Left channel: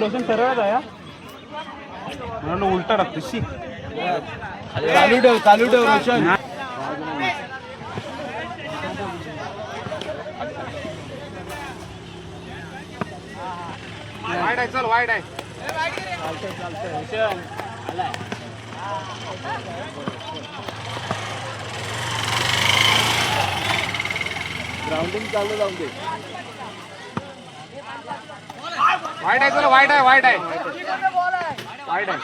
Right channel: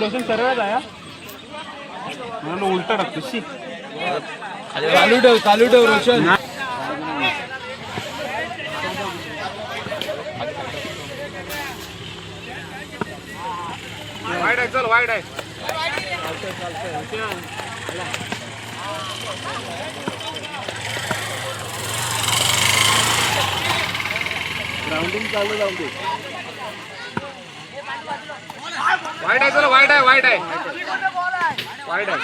रोशन सरळ आहे म्हणून उलटा टाकतो चालू ठेव रोशन. वाईड आहे चल वाईड आहे. ग्राउंडिंग चालू जाऊ दे. वाईड आहे चल वाईड आहे वाईड आहे वाईड आहे.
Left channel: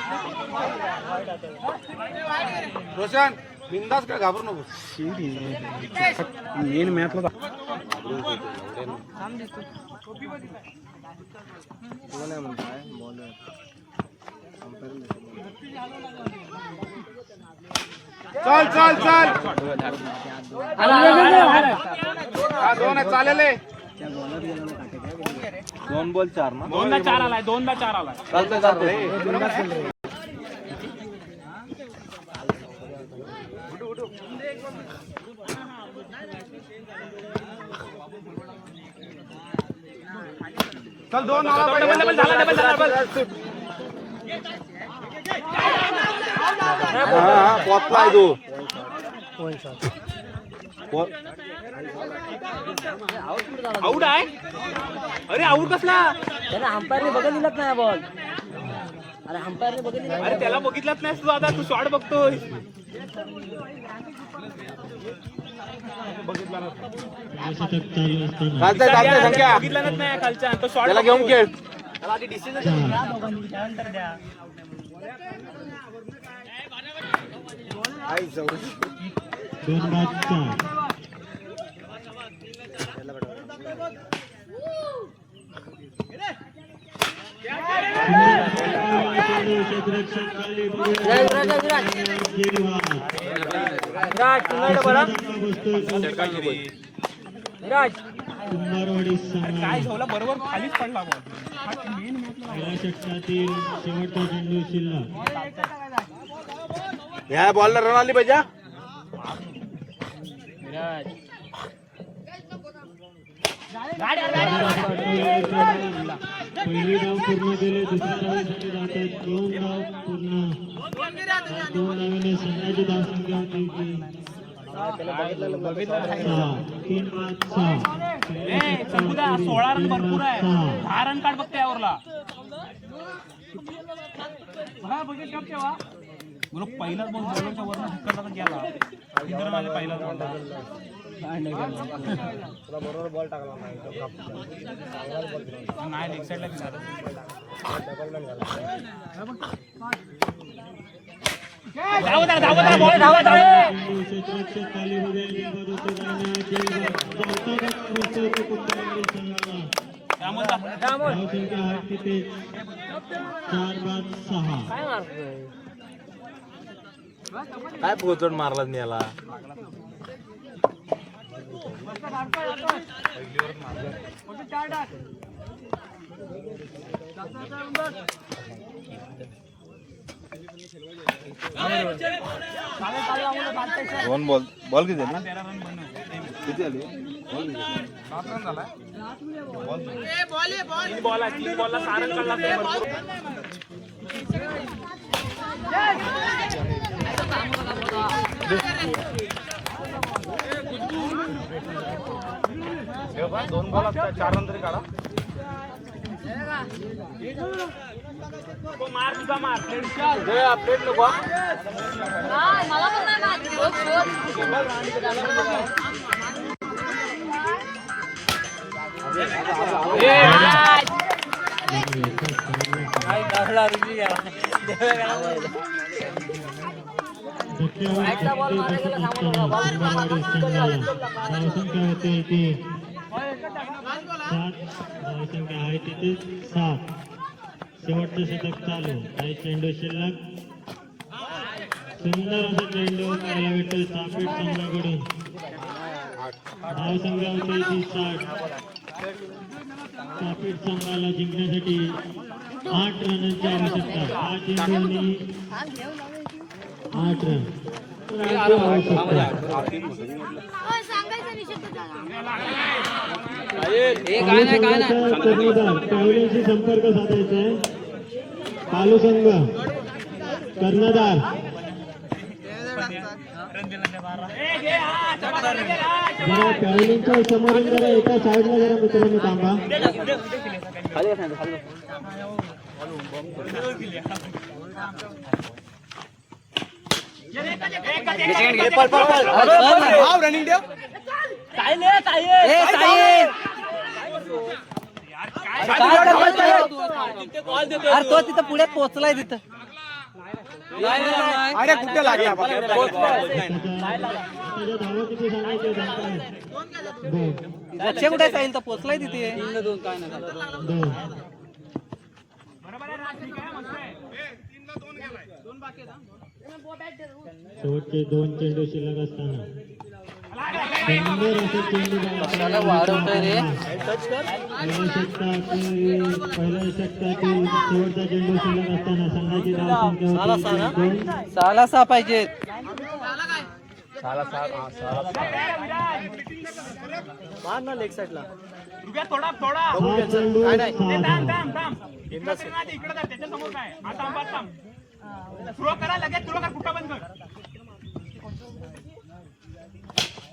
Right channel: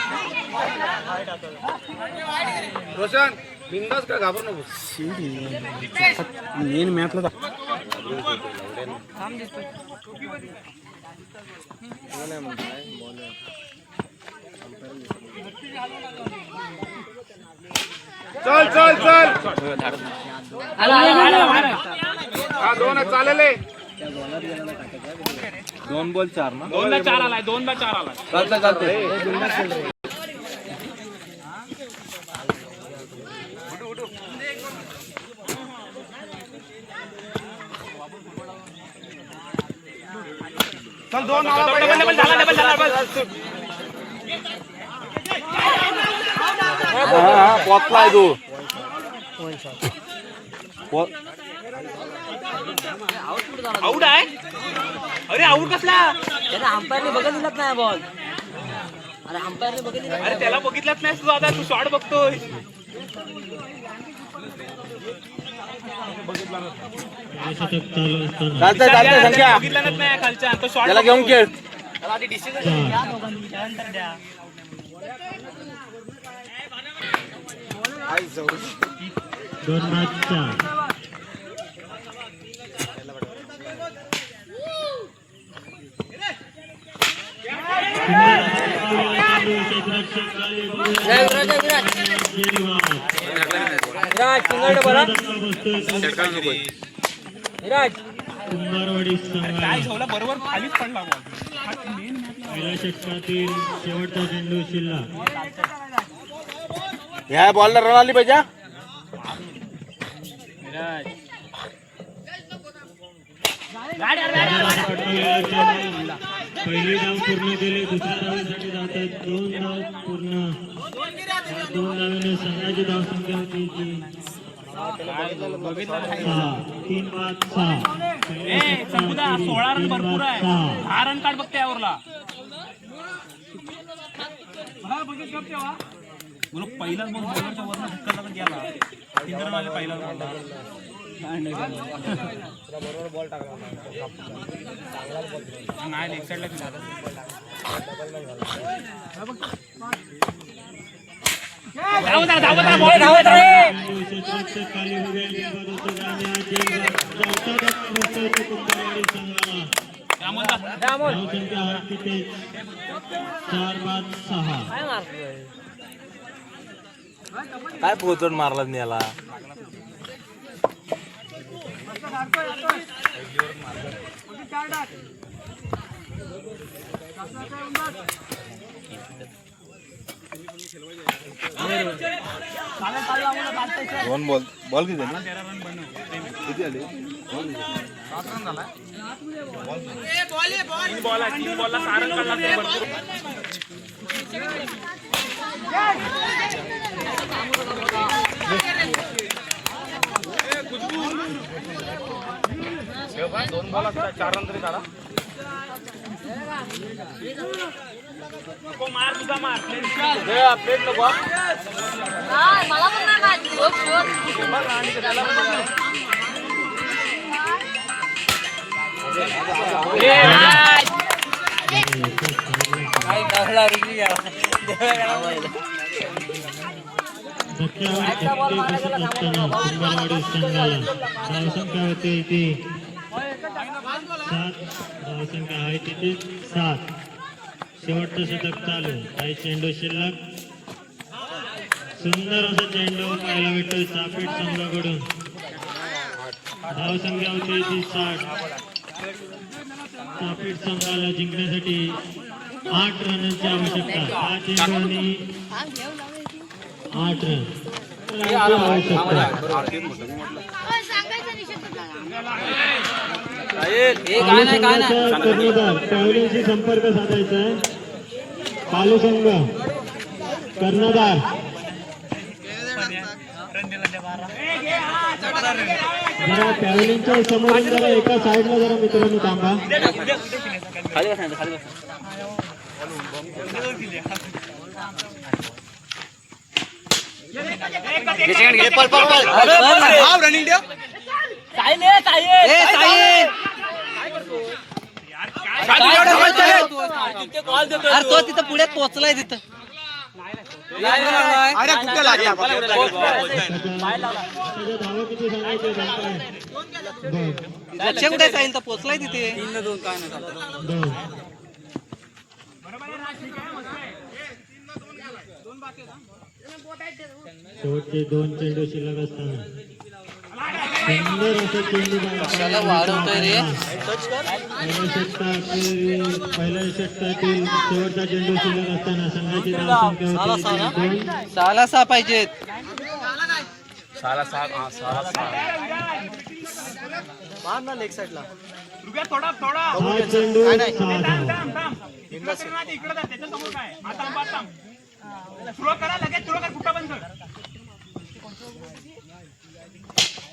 रोशन बिंदास का घाबरू नको. मेन मॅचला चल चल चल. हा दोन चालेल. 2 बॉल 4 ना. 2ला 4 आलाय 2ला 4 आलाय. चल 2 पोचलाय तू. आउट आहे. अरे आउट कसला. त्याने अंपायरने बघितलंच नाही बॉल. अरे अंपायरने बघितलं. अरे त्याला बघितलंच नाही तू. आता तू शॉट बघतोय. बघितलंच नाही खालच्या तो शॉट घेऊन खेळ. कुंभारवाडी बरोबर खालीच पडला. पहिल्या षटकातील शेवटचा चेंडू शिल्लक. ह्या बॉलला रन आली पाहिजे. पहिली धाव पूर्ण केली. दुसऱ्या धावेसाठी धावतात 2 धाव पूर्ण. 2 धावेने संघाची धावसंख्या होती 3, 5, 6. 16 रन भरपूर आहे. 6 रन काढ बघते यावरला. बघित गप तेव्हा म्हणून पहिलाच बघ बॉलरच्या वरनं धक्का गेला. पहिला बरोबर बॉल टाकला नाही. लेग साईडला काय पोचून मारला याला. दोन बॉल किती झाली. किती झाली. दोन बॉल 4 रन तरी काढा. मला पण नाही धावसंख्या होते इथे 7. धावसंख्या आहे तिथे 7. शेवटचं षटक चालू. काही चेंडू शिल्लक. सुंदर असा चेंडू पाहायला भेटतो सापेट संघाकडून. धावसंख्या होते इथे 60. सापेट संघाला जिंकण्यासाठी 8 रनांची आवश्यकता. 5 चेंडू आणि 8 रन आवश्यकता. कर्णधार पॅव्हलियनशी संपर्क साधायचा आहे. पालू संघ कर्णधार जरा पॅव्हलियनच्या समोरून जरा एका साईडला जरा मित्रांनो थांबा. खाली बस खाली बस. अरे तो तिथं पुढ्यात पोहोचलाय तिथं. अरे कुठे लागला धावा किती सांगायचे सांगताय? लक्ष कुठे आहे तर पोहोचलाय तिथे. 2 शेवटचे 2 चेंडू शिल्लक असताना सुंदर असे चेंडू कशाला वाढवतोय रे. पहिल्या षटकातील शेवटचा चेंडू शिल्लक असताना संघाची धावसंख्या होती 2. 6 पाहिजेत. 6 लेग साईडला थोडा थोडा हा चेंडू 6 धावा. इकडे त्याच्या समोर काय आता सुरू करा लगेच सुरू कर कुठं बंद कर.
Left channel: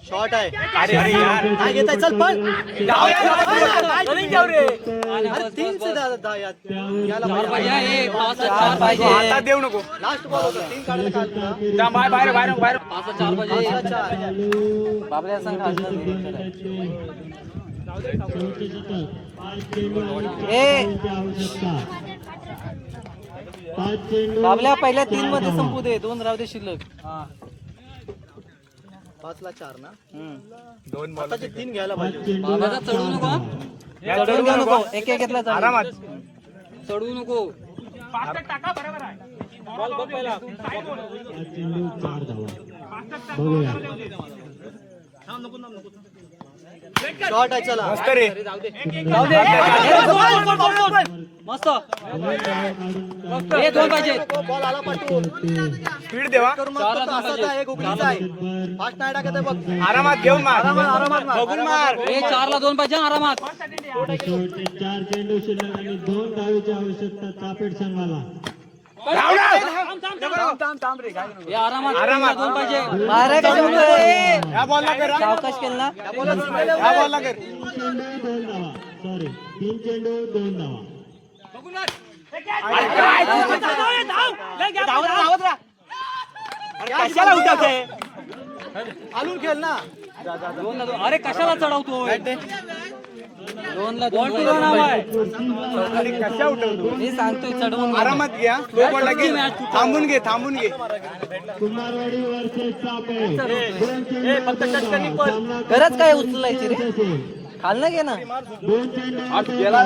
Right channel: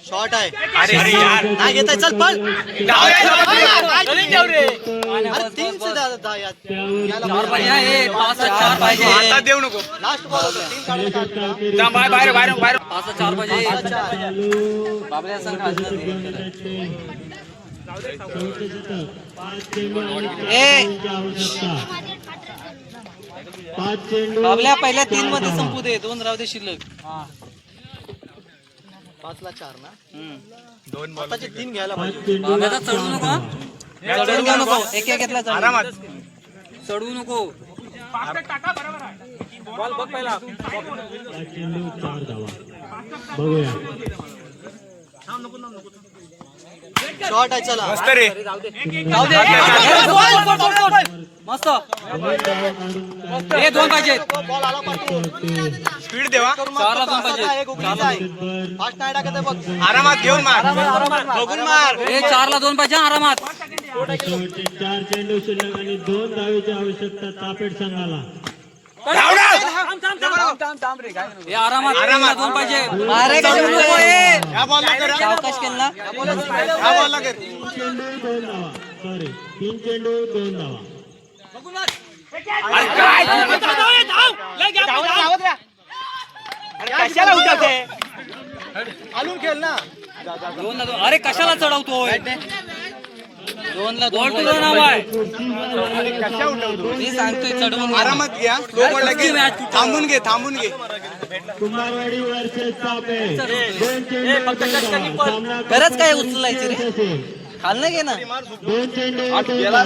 शॉट आहे. अरे यार नाही घेता चल पण जाऊ रे. अरे 3 से ज्यादा यार याला 4 पाहिजे. आता देऊ नको. लास्ट बॉल 3 काढून जा बाहेर बाहेर बाहेर बाहेर. 4 पाहिजे. चालू बाबल्या संघ खालचा दे. शेवटचे षटक 5 चेंडू आणि 4 ए. धावांची आवश्यकता. 5 चेंडू बाबल्या पहिल्या 3 मध्ये संपू दे. 2 राहू दे शिल्लक. 5 ला 4 ना. 2 बॉल. आताचे 3 घ्यायला 5 पाहिजे. चेंडू बाबा चढू नको. चढू नको. एक घेतला आरामात. चढू नको. टाका बरोबर आहे. बॉल बघ पहिला 5 चेंडू 4 धावा. बघूया शॉट आहे चला. मस्त रे. जाऊ दे. मस्त. 2 पाहिजे. बॉल आला पाहिजे. स्पीड देवा. 4 ला 2 पाहिजे. एक उघडीचा आहे. फास्ट नाही टाकत आहे बघ. आरामात घेऊन मार. बघून मार. 4 ला 2 पाहिजे आरामात. शेवटचे 4 चेंडू शिल्लक आणि 2 धावेची आवश्यकता चापेट संघाला. आरामात. 2 पाहिजे. या बॉलला कर. अवकाश केला. या बॉलला कर. 3 चेंडू 2 धावा. सॉरी 3 चेंडू 2 धावा. अरे काय कशाला उठते. आणून खेळ ना. 2 ला 2. अरे कशाला चढवतोय. 2 ला 2 नाव आहे. कशा उठवतो. मी सांगतोय चढवून घे. आरामात घ्या. स्लो बॉल घे. थांबून घे. थांबून घे. कुमारवाडी वर्सेस चापेट. 2 चेंडू 2 धावा. सामना गरज काय उचलायची रे. असेल. खाल्लं घे ना. 2 चेंडू 2 धावा.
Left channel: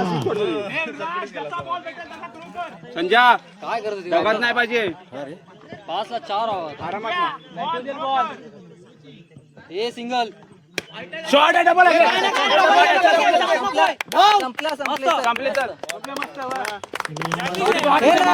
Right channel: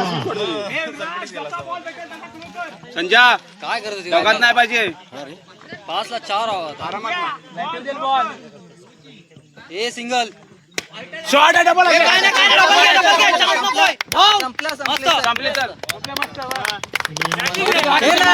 संजा काय करत होती. जगात नाही पाहिजे. 5 ला 4 आहोत. आरामात. A single. शॉट आहे डबल. संपला संपले तर. हे ना.